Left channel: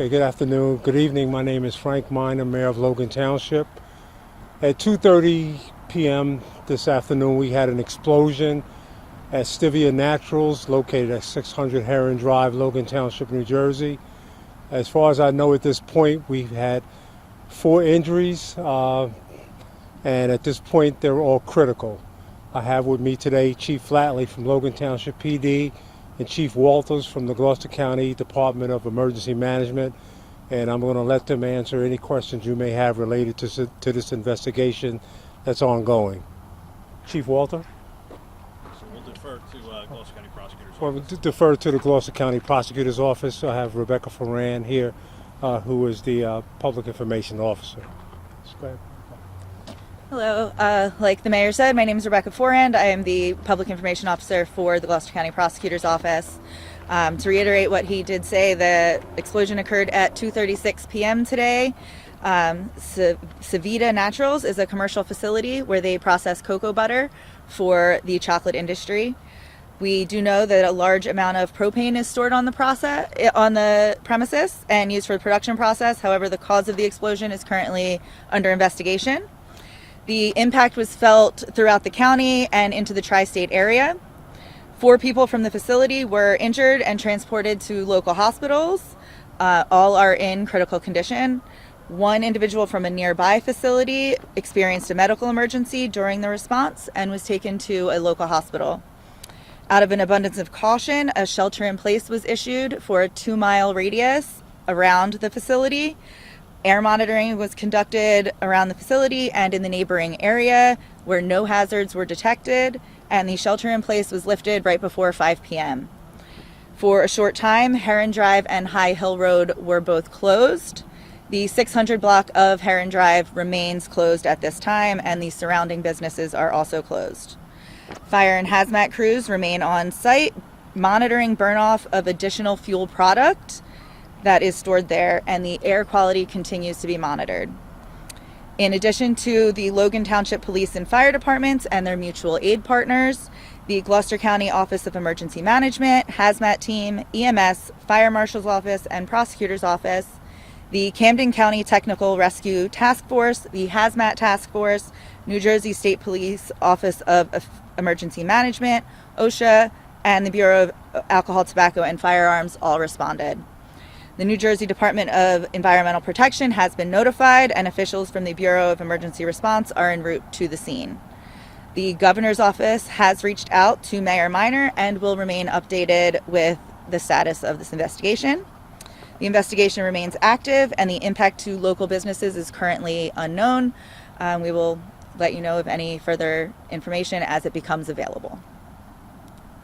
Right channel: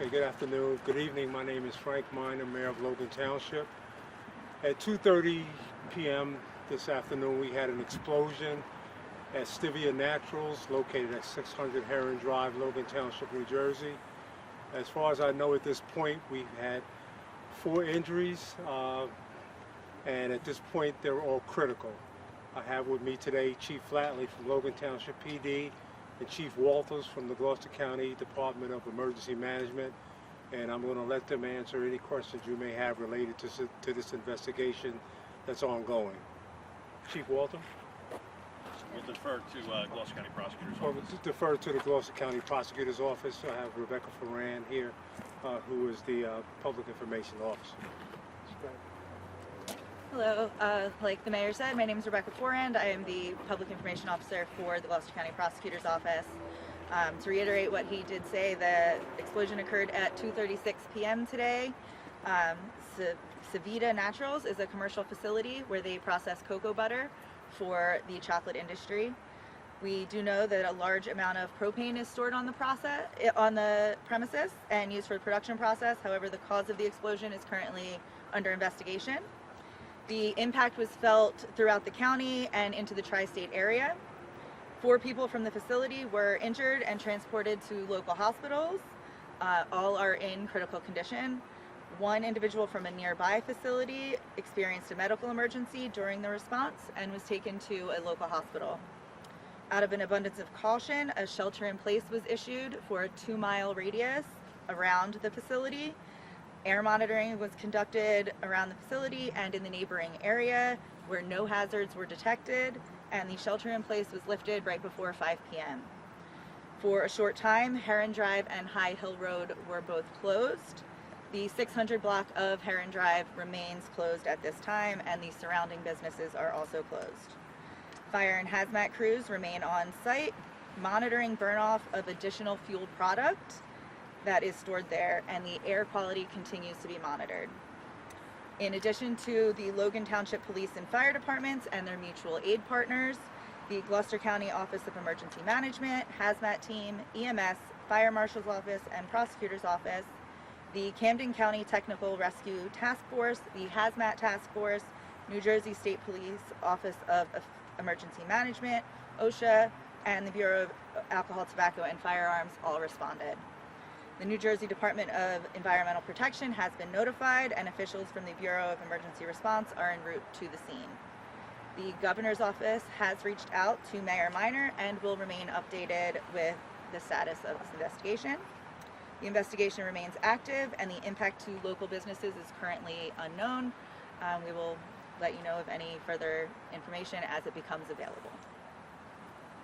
Okay, good afternoon, good evening. My name is Frank Miner, Mayor of Logan Township. At 2:30 p.m. this afternoon, we had an explosion at Stivia Naturals, located at 600 Heron Drive, Logan Township, New Jersey. As far as I know at this point, we've had 4 injuries, and at this point, they're all critical. I have with me today Chief Flatley from Logan Township PD and Chief Walters from the Gloucester County Department of Emergency Management, and I'm going to let them answer any questions you may have related to this investigation that's ongoing. Chief Walter? We'll defer to Gloucester County Prosecutor's Well, Office. defer to the Gloucester County Prosecutor's Office. I have Rebecca Ferran here, who is the Public Information Officer. Hello. Like the mayor said, my name is Rebecca Forand. I am the Public Information Officer for the Gloucester County Prosecutor's Office. To reiterate what he did say, the explosion occurred at 2:36 p.m. today. Stivia Naturals is a commercial facility where they process cocoa butter for the chocolate industry. We do know that a large amount of propane is stored on the premises and used for the production process. However, the cause of the explosion is currently under investigation. The impact was felt throughout the county and into the tri-state area. 4 people from the facility were injured and transported to local hospitals. All are in critical condition. 1 individual from a nearby facility experienced a medical emergency during the response and was taken to a local hospital. Out of an abundance of caution, a shelter in place was issued for a 2-mile radius around the facility. Air monitoring was conducted around the facility and in the neighboring area where no hazards were detected, and the shelter in place was lifted right before 5 p.m. For a short time, Heron Drive and High Hill Road were both closed. The 600 block of Heron Drive remains closed at this time, and the surrounding businesses are also closed. Fire and hazmat crews remain on site, monitoring burn-off of additional fuel product that is stored there, and the air quality continues to be monitored. In addition to the Logan Township Police and Fire Departments and their mutual aid partners, the Gloucester County Office of Emergency Management, Hazmat Team, EMS, Fire Marshal's Office, and Prosecutor's Office, the Camden County Technical Rescue Task Force, the Hazmat Task Force, New Jersey State Police Office of Emergency Management, OSHA, and the Bureau of Alcohol, Tobacco, and Firearms all responded. The New Jersey Department of Environmental Protection has been notified, and officials from the Bureau of Emergency Response are en route to the scene. The governor's office has reached out to Mayor Miner and will remain updated with the status of this investigation. The investigation remains active, and the impact to local businesses is currently unknown. We will let you know of any further information as it becomes available.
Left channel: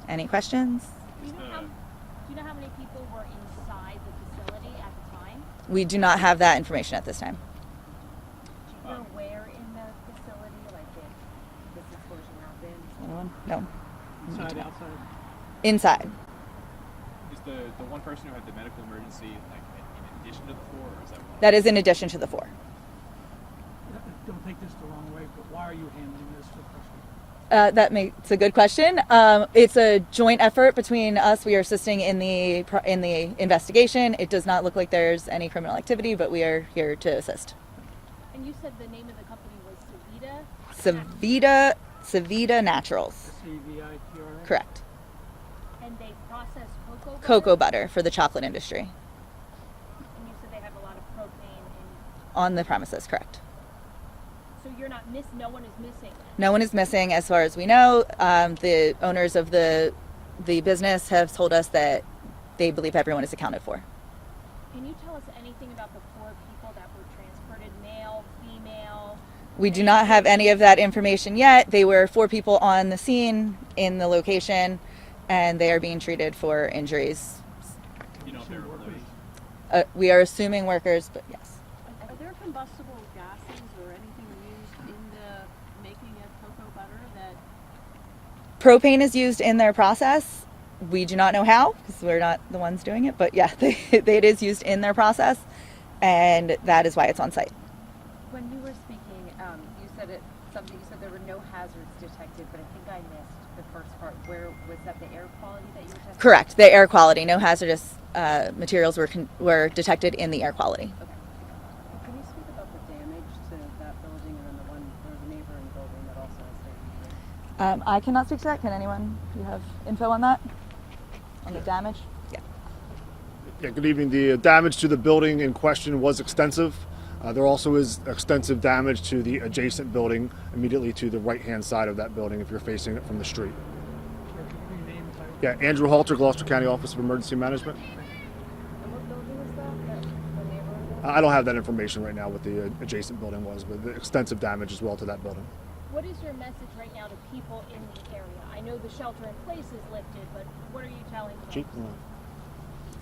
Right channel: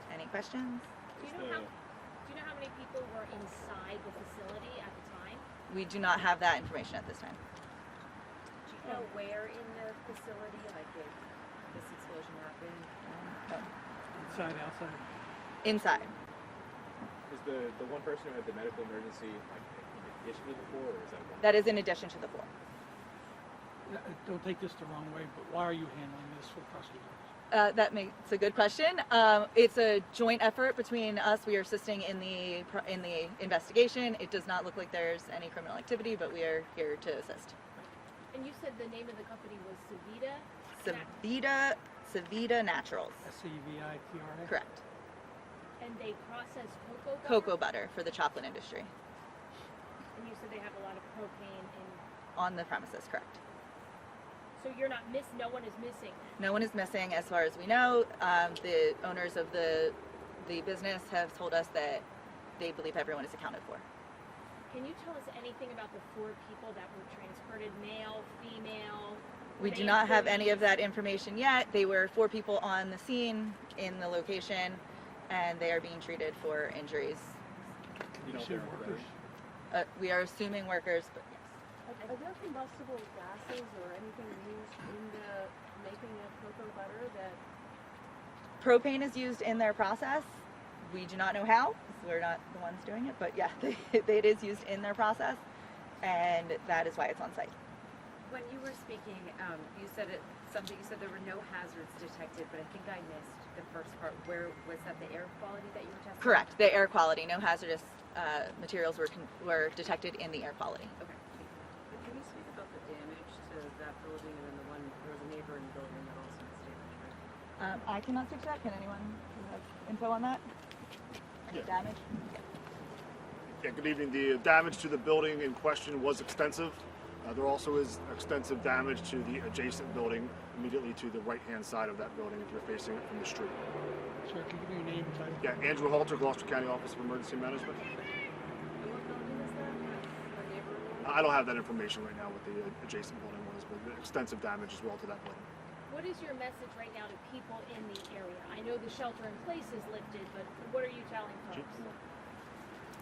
Any questions? Do you know how many people were inside the facility at the time? We do not have that information at this time. Do you know where in the facility, like, this explosion happened? No. Inside, outside? Inside. Is the one person who had the medical emergency in addition to the 4, or is that one? That is in addition to the 4. Don't take this the wrong way, but why are you handling this for prosecution? It's a good question. It's a joint effort between us. We are assisting in the investigation. It does not look like there's any criminal activity, but we are here to assist. And you said the name of the company was Stivia Naturals. CVITR? Correct. And they process cocoa butter? Cocoa butter for the chocolate industry. And you said they have a lot of propane in... On the premises, correct. So no one is missing? No one is missing as far as we know. The owners of the business have told us that they believe everyone is accounted for. Can you tell us anything about the 4 people that were transported, male, female? We do not have any of that information yet. They were 4 people on the scene in the location, and they are being treated for injuries. You know if they're employees? We are assuming workers, but yes. Are there combustible gases or anything used in the making of cocoa butter that... Propane is used in their process. We do not know how, because we're not the ones doing it, but yeah, it is used in their process, and that is why it's on site. When you were speaking, you said there were no hazards detected, but I think I missed the first part, where was that the air quality that you were testing? Correct. The air quality. No hazardous materials were detected in the air quality. Okay. Can you speak about the damage to that building and then the one, there was a neighboring building that also has damage? I cannot speak to that. Can anyone? Do you have info on that? On the damage? Yeah. Yeah, good evening. The damage to the building in question was extensive. There also is extensive damage to the adjacent building immediately to the right-hand side of that building if you're facing it from the street. Yeah, Andrew Halter, Gloucester County Office of Emergency Management. I don't have that information right now what the adjacent building was, but the extensive damage as well to that building. What is your message right now to people in the area? I know the shelter in place is lifted, but what are you telling folks? Chief? I'm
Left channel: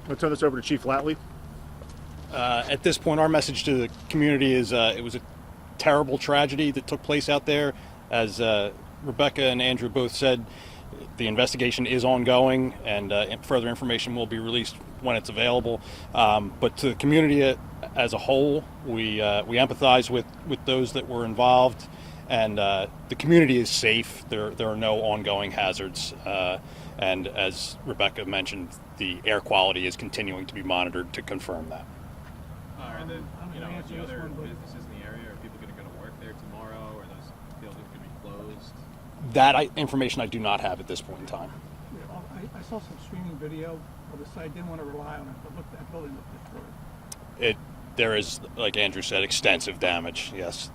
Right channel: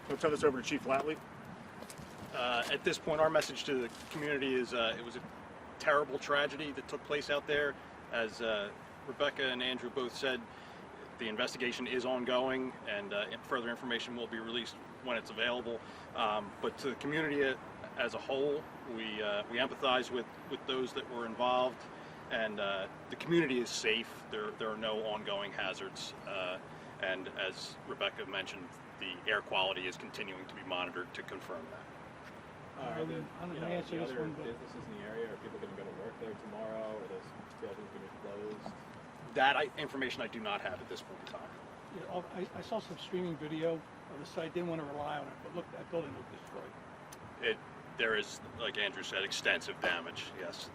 going to turn this over to Chief Latley. At this point, our message to the community is it was a terrible tragedy that took place out there. As Rebecca and Andrew both said, the investigation is ongoing, and further information will be released when it's available. But to the community as a whole, we empathize with those that were involved, and the community is safe. There are no ongoing hazards, and as Rebecca mentioned, the air quality is continuing to be monitored to confirm that. Are the, I'm you gonna know, answer the this other one, but- businesses in the area, are people going to go to work there tomorrow? Are those buildings going to be closed? That information I do not have at this point in time. Yeah, I saw some streaming video of the site, didn't want to rely on it, but look, that building looked destroyed. There is, like Andrew said, extensive damage. Yes.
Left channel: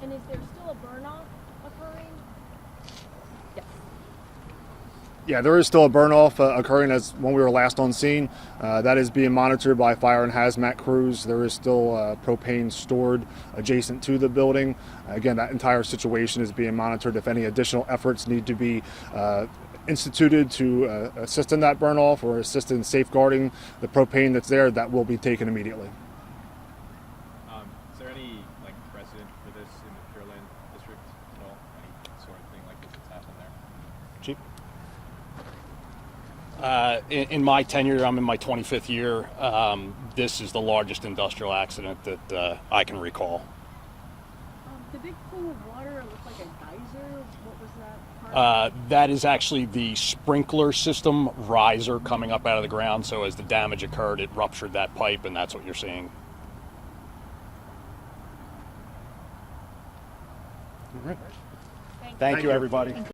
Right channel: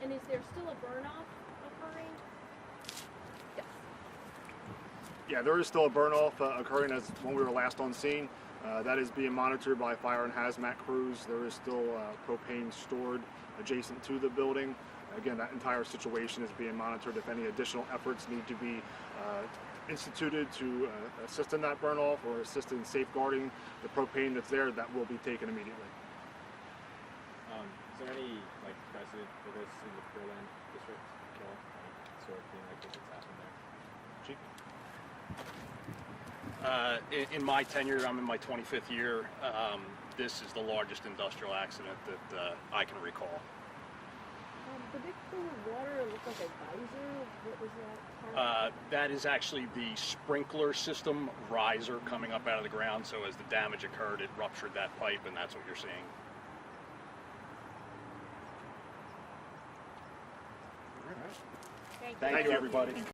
And is there still a burn-off occurring? Yes. Yeah, there is still a burn-off occurring as when we were last on scene. That is being monitored by fire and hazmat crews. There is still propane stored adjacent to the building. Again, that entire situation is being monitored. If any additional efforts need to be instituted to assist in that burn-off or assist in safeguarding the propane that's there, that will be taken immediately. Is there any precedent for this in the Berlin district at all? Any sort of thing like this that's happened there? Chief? In my tenure, I'm in my 25th year. This is the largest industrial accident that I can recall. The big pool of water looked like a geyser. What was that part? That is actually the sprinkler system riser coming up out of the ground. So as the damage occurred, it ruptured that pipe, and that's what you're seeing. All right. Thank you, everybody.